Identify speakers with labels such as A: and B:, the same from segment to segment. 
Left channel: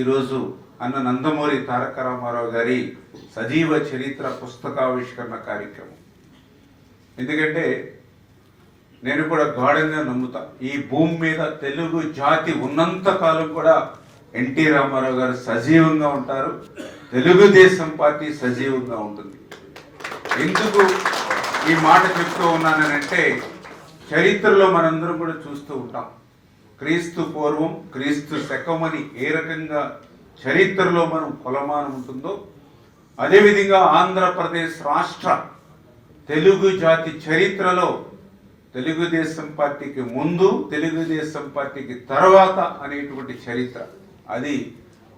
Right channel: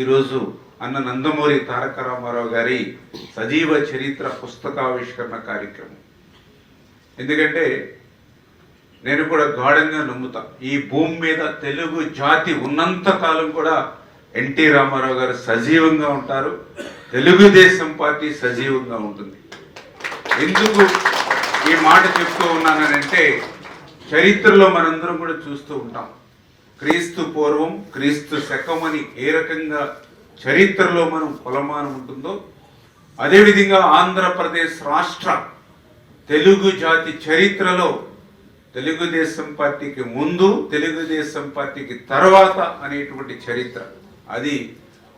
A: ఈరోజు అన్న నందమూరి తారక రామారావు గారి సజీవ చరిత్ర పుస్తకావిష్కరణ కార్యక్రమం. ఎందుకంటే నేను కూడా గాఢంగా నమ్ముతా ఈ భూమి మీద తెలుగు జాతి ఉన్నంత కాలం కూడా ఎన్టీ రామారావు గారు సజీవంగా ఉంటారు తెలుగుదేశం పార్టీ సజీవంగా ఉంటుంది. ఎందుకు ఈ మాట చెప్తూ ఉన్నానంటే చరిత్రలో మనందరం కూడా చూస్తూ ఉంటాం. క్రీస్తు పూర్వం క్రీస్తు శకం అని ఏ రకంగా చరిత్రలో మనం కొలమానం ఉంటుందో అదేవిధంగా ఆంధ్రప్రదేశ్ రాష్ట్ర తెలుగు జాతి చరిత్రలో తెలుగుదేశం పార్టీకి ముందు తెలుగుదేశం పార్టీకి తర్వాత అనేటువంటి చరిత్ర. అది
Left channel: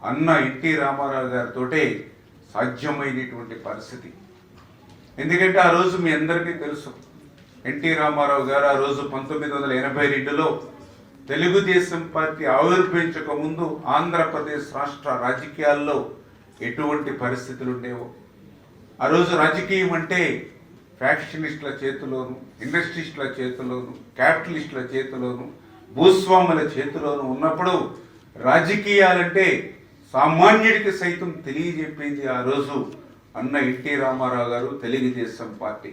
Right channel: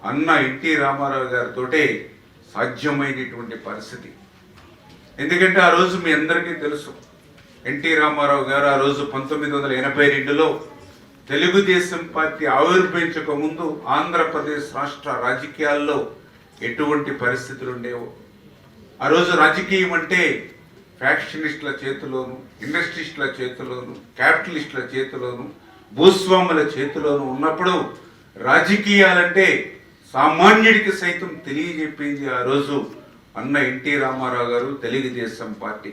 A: అన్న ఎన్టీ రామారావు గారితోటే సాధ్యమైనటువంటి పరిస్థితి. ఎందుకంటే ఆ రోజు మీ అందరికీ తెలుసు ఎన్టీ రామారావు గారు ఆ రోజు పంతొమ్మిది వందల ఎనభై రెండులో తెలుగుదేశం పార్టీ ఆవిర్భవించక ముందు ఆంధ్రప్రదేశ్ రాష్ట్ర రాజకీయాల్లో ఎటువంటి పరిస్థితులు ఉండేవో? ఆ రోజు రాజకీయం అంటే ఫ్యాక్షనిస్టుల చేతిలోను ఇండస్ట్రిస్టుల చేతిలోను క్యాపిటలిస్టుల చేతిలోను భూస్వాముల చేతిలోను ఉన్నప్పుడు రాజకీయాలంటే సామాన్యుడికి సైతం తెలియజెప్పింది ఆ రోజు అన్న ఎన్టీ రామారావు గారు తెలుగుదేశం పార్టీ.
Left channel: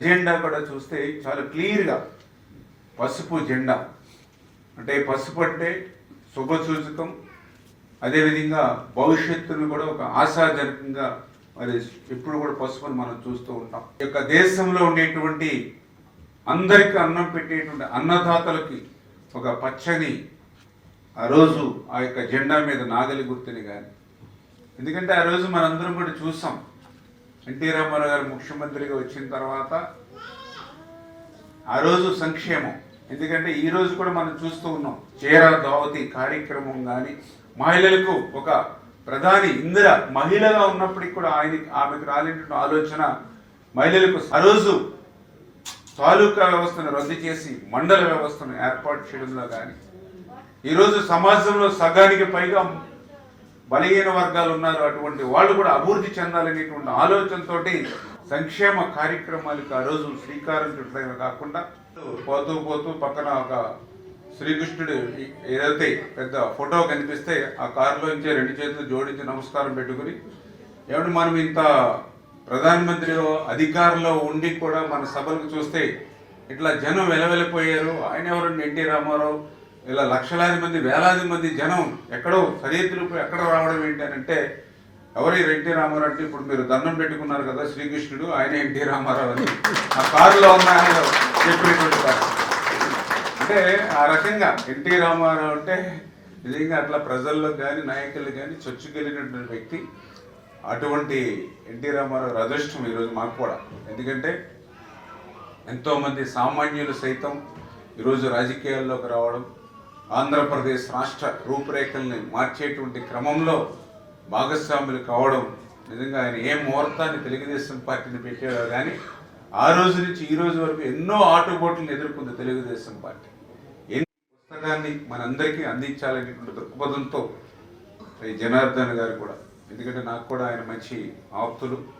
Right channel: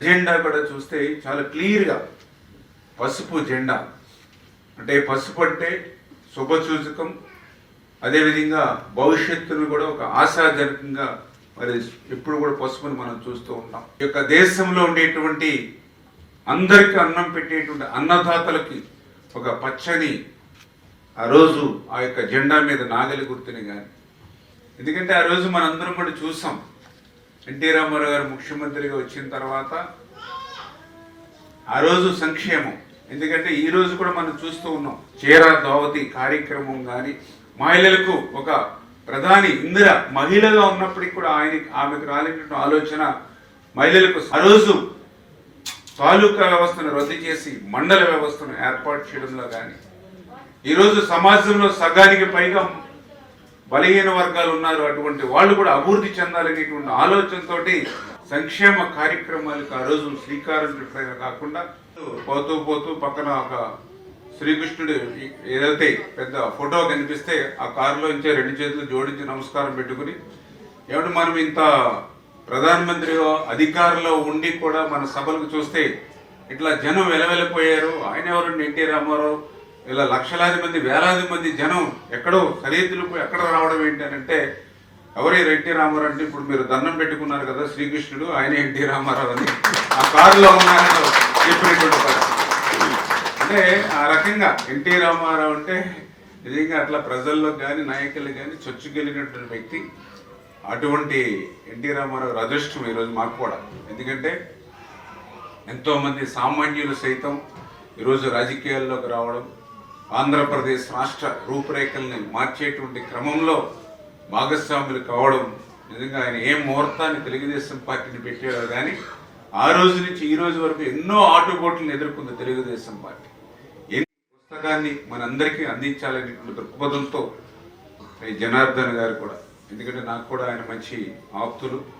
A: జెండా కూడా చూస్తే చాలా క్లియర్గా పసుపు జెండా అంటే పసుపు అంటే శుభసూచకం అదేవిధంగా భవిష్యత్తును కూడా ఒక ఆశాజనకంగా మరి ఎప్పుడు కూడా పసుపుని మనం చూస్తూ ఉంటాం. ఈ యొక్క దేశంలో ఉండేటువంటి అందరికీ అన్నం పెట్టేటువంటి అన్నదాతలకి ఒక పచ్చని ఆ రోజు ఆ యొక్క జెండా మీద నాగలి గుర్తుని కానీ ఎందుకంటే ఆ రోజు మనందరం కూడా చూసాం. ఎన్టీ రామారావు గారు ముఖ్యమంత్రిగా వచ్చిన తర్వాత ఆ రోజు సంక్షేమం. ఎందుకంటే ఈరోజు కూడా మనం చూస్తూ ఉన్నాం. చీర దోవతి కార్యక్రమం కానీ మహిళలకు ఒక ప్రధాని ఇందిర మహిళగా ఉన్నప్పటికీ కూడా ఆయన ఆమెకు రాలేటువంటి ఆలోచన మహిళలకు ఆ రోజు తాలూకా వ్యవస్థను రద్దు చేసి మండల వ్యవస్థను ఏర్పాటు చేయడంలో కానీ ఈరోజు సమాజంలో సగానికి పైగా బలహీన వర్గాలు ఉన్నారు. అటువంటి వాళ్ళు కూడా అభివృద్ధి చెందాలనేటువంటి ఆలోచనతోటి సంక్షేమ కార్యక్రమాలకు ఆ రోజు శ్రీకారం చుట్టడమే కాకుండా పోతూ పోతూ పక్కన ఒక శ్రీకృష్ణుడు ఏదైతే పెద్ద ఫోటో కనిపిస్తే ఆ కారులోంచే రెండు చేతులు జోడించి నమస్కారం పెట్టుకుని ఏమంటే మనం ఇంత ప్రధానమంత్రి అధికారంలో ఉండి కూడా మన సభలకు చూస్తే ఇట్లా జనం వెలవెలిపోయారు ఆయన ఎవరండి? ఎన్టీ రామారావు. ఇలా లక్షలాది మంది వేలాది మంది జనం ఎక్కడో సరిహద్దులు ఎక్కడ రావడం ఏంటి అని అంటే ఎవరు ఎన్టీ రామారావు అంటే ఇప్పుడు మీరు దండం పెట్టుకున్నారు కదా శ్రీకృష్ణుడు ఆయన ఎన్టీ రామారావు అని. ఆ కారులో ఉన్న చెప్పినటువంటి పరిస్థితి అంటే ఆ రకంగా ఎన్టీ రామారావు అంటే నిజంగా అట్లా ప్రజల్లో కానీ నాయకులు కానీ చొచ్చుకెళ్ళినటువంటి వ్యక్తి. అటువంటి ఎన్టీ రామారావు అదృష్టం ఈరోజు మాకు కూడా. ఎందుకంటే ఎంతోమంది సామాన్యులు సైతం ఈరోజు రాజకీయాల్లోకి రావడం ఆంధ్రప్రదేశ్ రాష్ట్ర రూపురేఖల్ని మార్చేటువంటి క్రమంలో భాగస్వాములు కావడం నిజంగా ఆయన ఏ ముహూర్తాన్ని తెలుగుదేశం పార్టీని పెట్టాడో కానీ ఆ రోజు నుంచి ఈ రోజు వరకు ఎన్నో ఆటుపోట్లను ఎదుర్కొంది తెలుగుదేశం పార్టీ. ఎన్ని పుస్తకాన్ని మనందరికీ అందించాలనేటువంటి దృక్పథంతో జనార్దన్ గారు కూడా ఎందుకంటే నాకు కూడా ఆయన మంచి ఆప్తులు.